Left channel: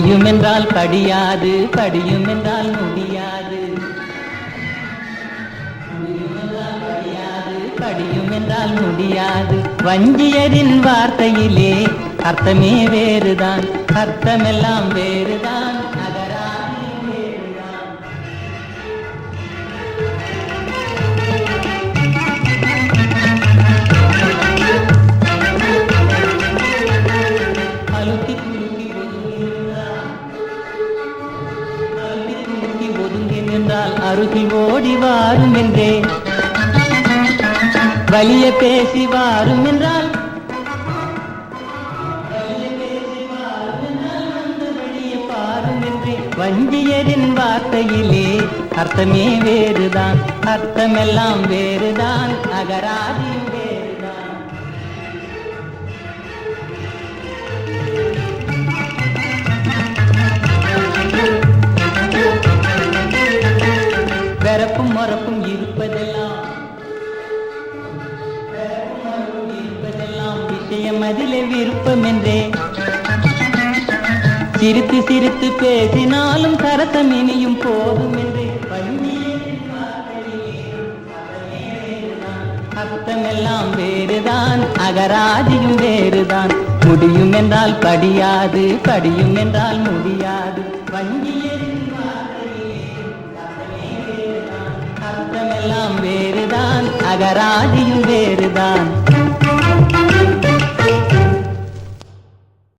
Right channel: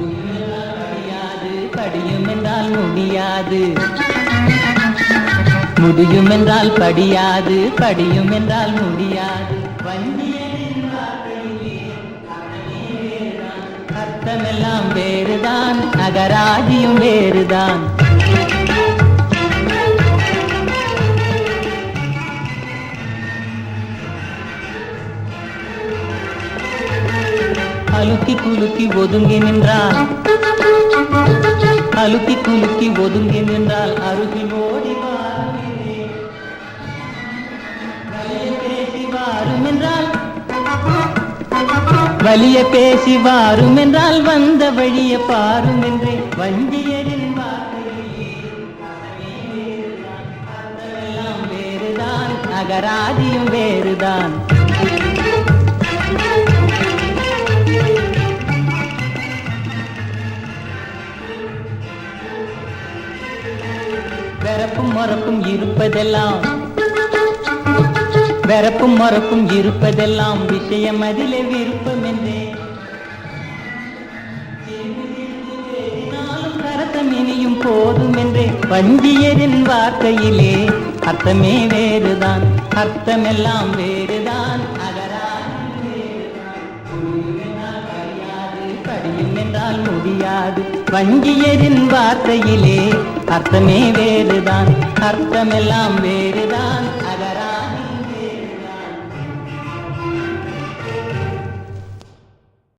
முடியும் என்றால் படியாது, படியும் என்றால் முடியாது. முடியும் என்றால் படியாது, படியும் என்றால் முடியாது. வஞ்சியரின் வார்த்தையிலே அர்த்தமே வேறுதான், அர்த்தமெல்லாம் வேறுதான், அகராதியும் வேறுதான். அலுக்கி குலுக்கி ஒதுங்கி நின்றால், அலுக்கி குலுக்கி ஒதுங்கி நின்றால் அருகில் ஓடி வாரும் என்றே. வலிய பேசி வாரும் என்றால், வலிய பேசி வாரும் என்றால் வந்த வழிய பாரும் என்றே. வஞ்சியரின் வார்த்தையிலே அர்த்தமே வேறுதான், அர்த்தமெல்லாம் வேறுதான், அகராதியும் வேறுதான். வெறப்பும் மறப்பும் இருப்பதெல்லாம், வெறப்பும் மறப்பும் இருப்பதெல்லாம் விஷயம் அதிலே விருப்பம் என்றே. சிரித்து சிரித்து பேசினாலும் சரசம் இனியும் போதும் என்றே. வஞ்சியரின் வார்த்தையிலே அர்த்தமே வேறுதான், அர்த்தமெல்லாம் வேறுதான், அகராதியும் வேறுதான். முடியும் என்றால் படியாது, படியும் என்றால் முடியாது. வஞ்சியரின் வார்த்தையிலே அர்த்தமே வேறுதான், அர்த்தமெல்லாம் வேறுதான், அகராதியும் வேறுதான்.